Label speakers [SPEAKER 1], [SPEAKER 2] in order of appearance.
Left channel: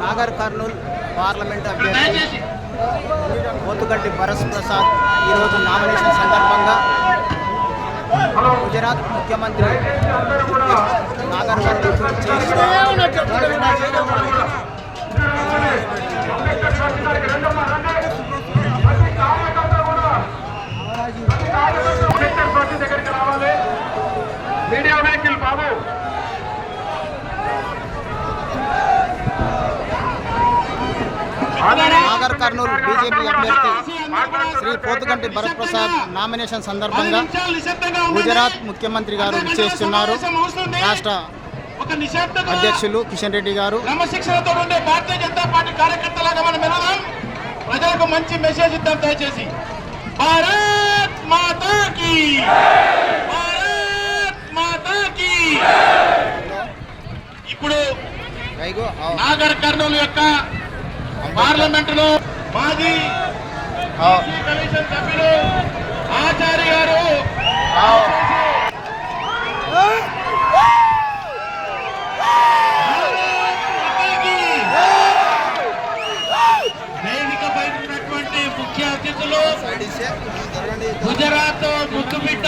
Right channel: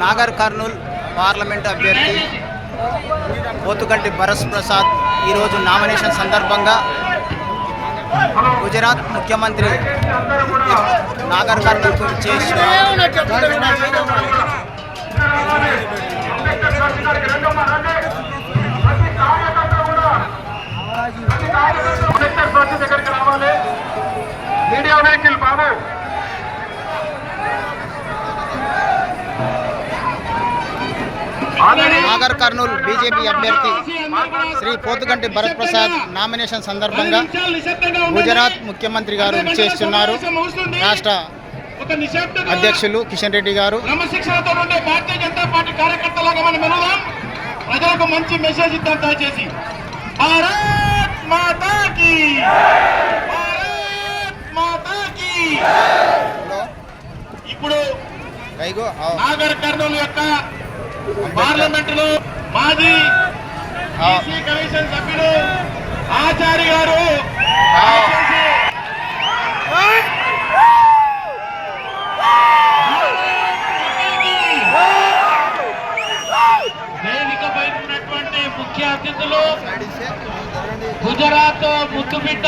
[SPEAKER 1] Nagar Kurnool parliament అభ్యర్థి పోతుగంటి భరత్ ప్రసాద్ ఈరోజు nomination సందర్భంగా గుజరాత్ ముఖ్యమంత్రి నాగర్ కర్నూల్ చేసి
[SPEAKER 2] అంబేద్కర్
[SPEAKER 1] నాగర్ కర్నూల్ బీజేపీ అభ్యర్థి శ్రీ పోతుగంటి భరత్ ప్రసాద్ నామినేషన్ సందర్భంగా గుజరాత్ ముఖ్యమంత్రి గారు చేస్తున్నారు రాష్ట్ర అధ్యక్షులు కిషన్ రెడ్డి గారు.
[SPEAKER 2] క్రమశిక్షణతో ఉండే భారతీయ జనతా పార్టీ కార్యకర్తలాగా మనం వెళదాం ప్రజలకు మంచి మెసేజ్ ఇద్దాం దయచేసి. భారత్ మాతా కీ! భారత్ మాతా కీ! ఇప్పుడు నాగర్ కర్నూలు యొక్క పార్లమెంట్లో మాజీ కమిషన్ సభ్యులు ఆచార్య గారు వేదికపై ఉన్నటువంటి ముఖ్య అతిథులు గుజరాత్ ముద్దుబిడ్డ